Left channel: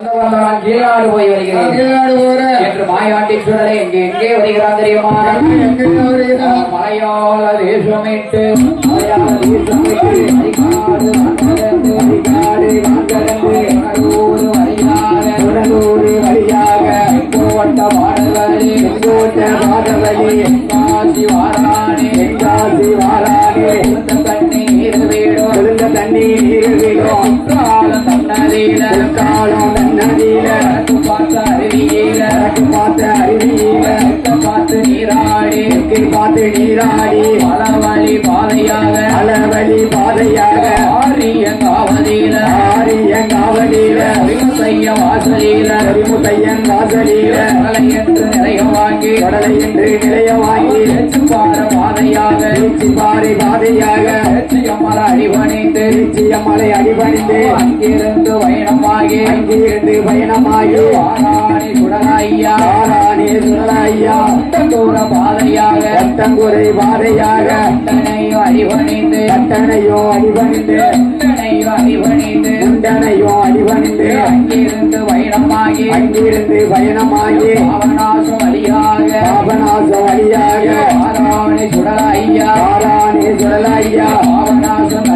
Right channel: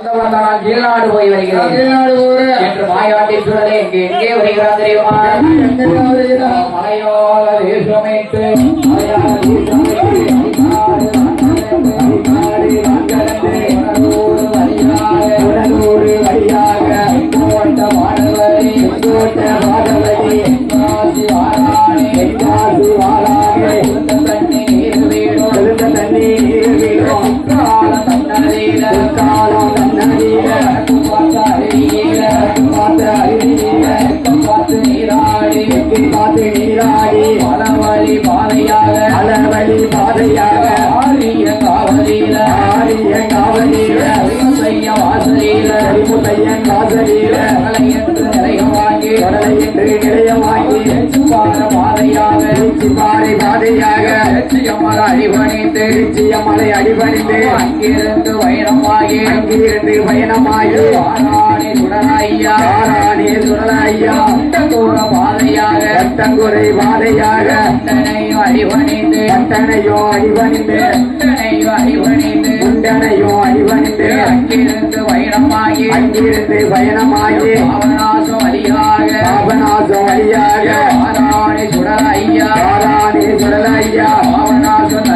கீழ்நாடு போய் வருகிறேன் என்று மாயாண்டி சுடலை எங்கே வருகிறான் தெரியுமா? மலையாள தேசமைத்து மலை அடிபணிந்து அங்கிருந்து பயணமாகி ஆராணி சுடலையா தூர பாதையாக தங்குறை பாதையாக அடிபணிந்து அங்கிருந்து பயணமாகி அவனாசம் வழியாக ஆராணி சுடலையா அவனாசம்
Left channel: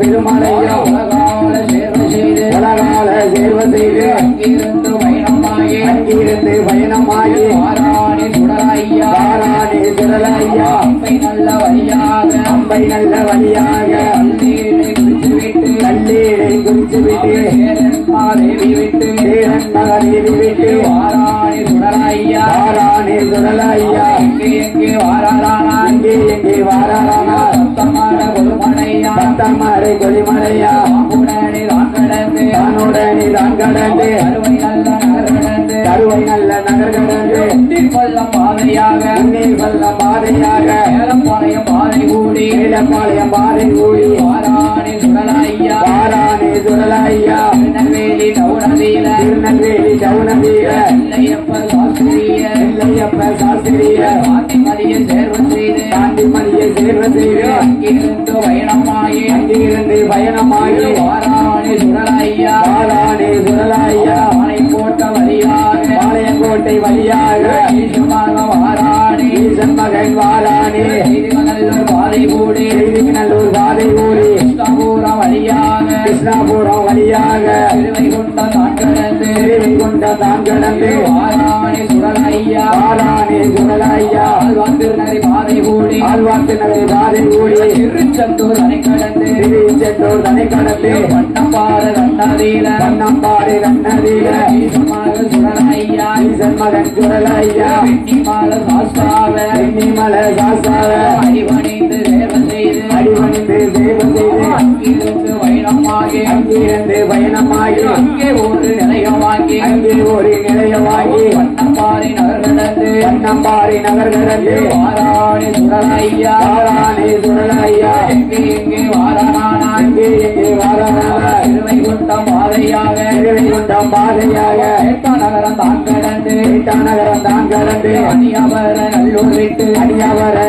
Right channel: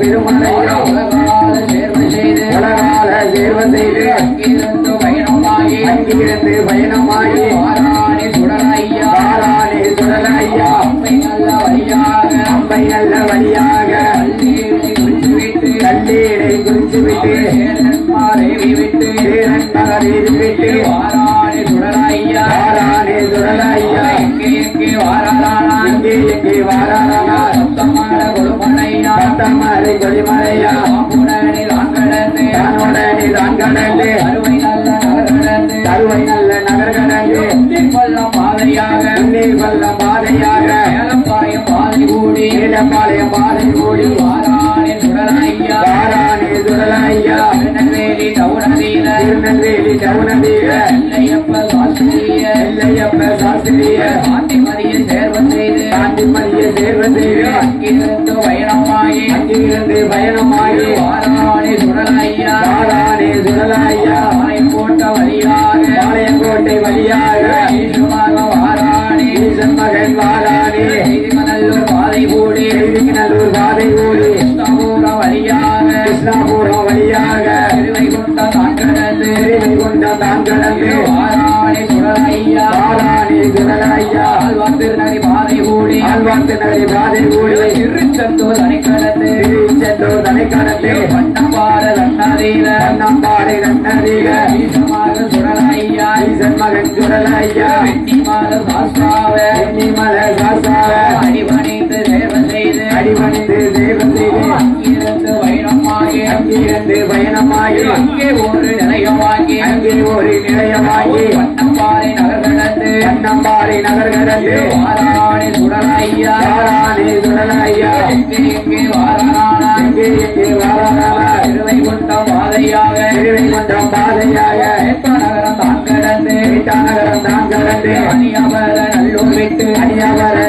பெருமலையோ உலகால சேர்வ செய்து அங்கிருந்து பயணமாகி ஆராணி சுடலையா அம்பை நல்ல வழியாக கல்லீரை குறித்து விட்டு தேவி விட்டு ஆராணி சுடலையா எங்கே வாரானா தத்தம்மாரை கொடிமலையா உடனே தான் கடந்து கருவை நல்ல நகர் கடந்து பாதையாக ஏலப்பாளையம் பாதை கூடி ஆராணி சுடலையா திருநெல்வேலி டவுனதீர இல்லையப்ப சாஸ்திரிய காந்திமதியை சேர்வ செய்து அங்கிருந்து பயணமாகி ஆராணி சுடலையா பாளையங்கோட்டை வழியாக ஈசன் மகன் வாராணி நல்லூர் பாதை கூடி கிருஷ்ணாபுரம் வழியாக திருவைகுண்டம் தான் கடந்து ஆராணி சுடலையா ஆழ்வார்த்திருநகரி பாதை கூடி திருச்செந்தூர் தனை கடந்து வண்ணம்பாடு கண்ணதீர ஈசன் மகன் சுடலையா வெண்ணிமல சாஸ்தாவ அடிபணிந்து தேவ செய்து அங்கிருந்து பயணமாகி அங்கே ஒரு நிலையமாகி வண்ணம்பாறை நகர் கடந்து ஆராணி சுடலையா எங்கே வாரானா திருவைகுண்டம் பாதையாக நகரம் தான் கடந்து அணியவர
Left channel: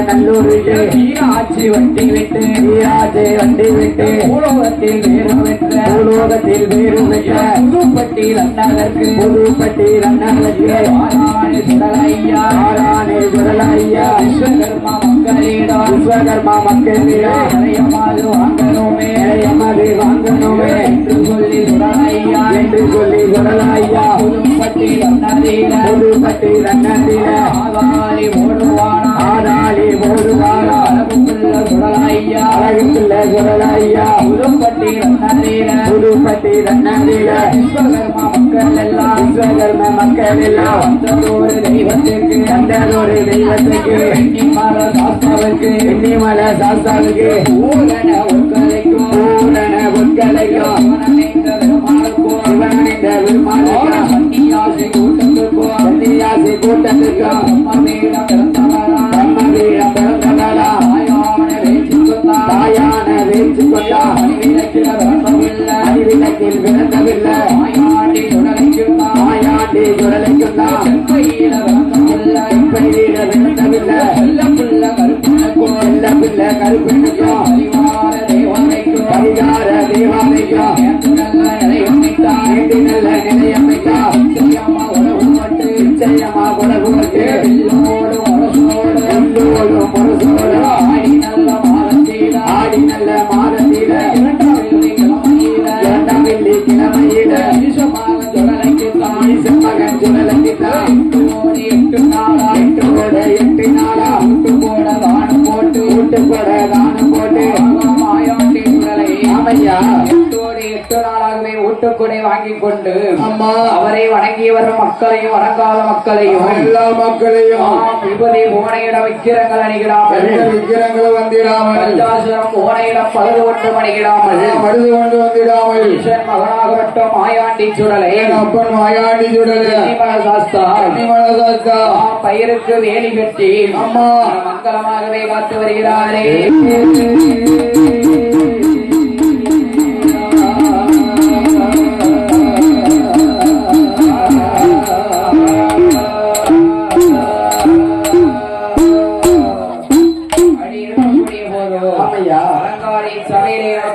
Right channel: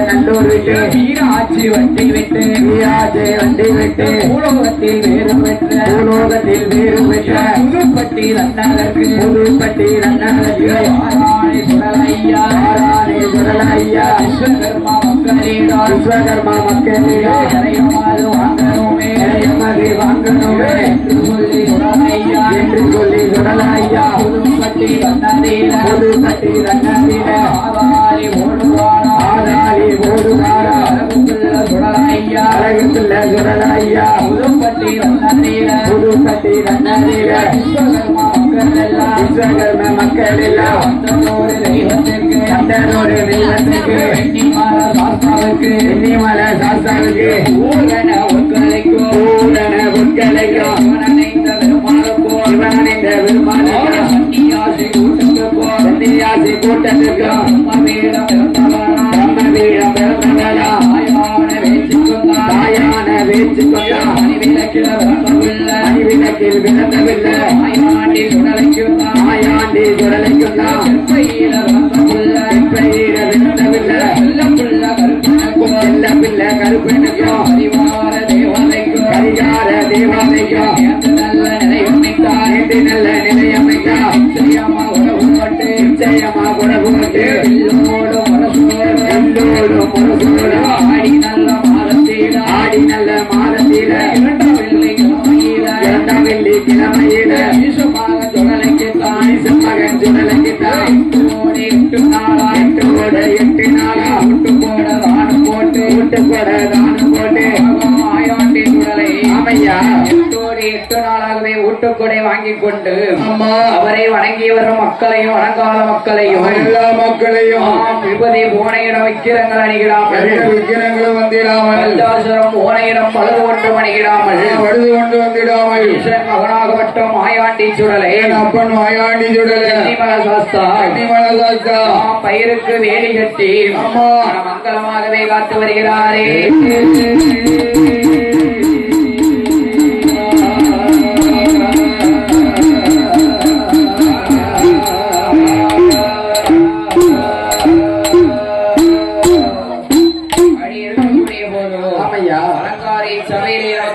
நல்லூர் விட்டு மீனாட்சி வண்டி விட்டு பூலோகத்தில் வேறு பெற்ற புதுப்பட்டி ரன்னதற்கு ஆராணி சுடலையா விஸ்வகர்மா மக்களிடா வாங்கணுமே என்று சொல்லி சுடலையா புதுப்பட்டி ரன்னதீர ஆராளி போடுவாரா அழகுள்ள சுடலையா புதுப்பட்டி ரன்னதீர விஸ்வகர்ம மக்கள் எல்லாம் தந்தோரு தெய்வத்துக்கு வெண்ணிமல சாஸ்தாவுக்கு ஊரண உட்கலைக்கும் இவனிந்த பெருமானுக்கும் சன்னியாசி கூட்டத்துக்கும் பிரம்மபீடம் பிறந்தவரா தாயான வேச்சுக்கொண்டா அணிவிளக்கில் பிறந்தவில்லை மாயாண்டி சுடலைக்குண்டா பிள்ளை கருப்பனுக்கும் அறிவார தேவனைக்கும் தேவாலயம் நேற்று நல்ல நிலையமைத்தார் நேற்று நல்ல நிலையமைத்தார் நிச்சயமா உணவுப்பட்டு நிச்சயமா உணவுப்பட்டு எல்லோடு மனசோடு எல்லோடு மனசோடு ஆடி நல்ல மாதத்தீட ஆடி நல்ல மாதத்தீட இரண்டாம் வெள்ளி கிழமையில ஈசமாக சுழலைக்குத்தான் ஈசமகன் சுழலைக்குத்தான் 8 நாளா 8 நாளா விட்டு போட தானம் போட்டு மாயாண்டி சுழலை ஆமையா 8 நாளாகவே ஊட்டுக்குடை வாங்கிக் கொண்டு அம்மா அவரை வணங்கி வரும் மக்களையும் வணங்காத மக்களையும் எல்லா மக்களையும் விபதி போனையிடம் விக்கிரங்கள் அணிகிறாமல் விக்கிரங்கள் வந்திடாமல் பஞ்சாசுரம் போனையிடம் பழுது கொண்டு அணிகிறாமல் பழுது கொண்டு வந்திடாமல் ஈசன் மகனாகப்பட்ட மாயாண்டி சுடலை அப்பன் மாயாண்டி சுடலை அன்னிமல சாஸ்தா பயிருக்கு வேலி கட்டி அம்மா மங்களமாகவே காத்து வருகிறாரே அடி இருக்கக்கூடிய போதோ அலங்காரி சபையிலே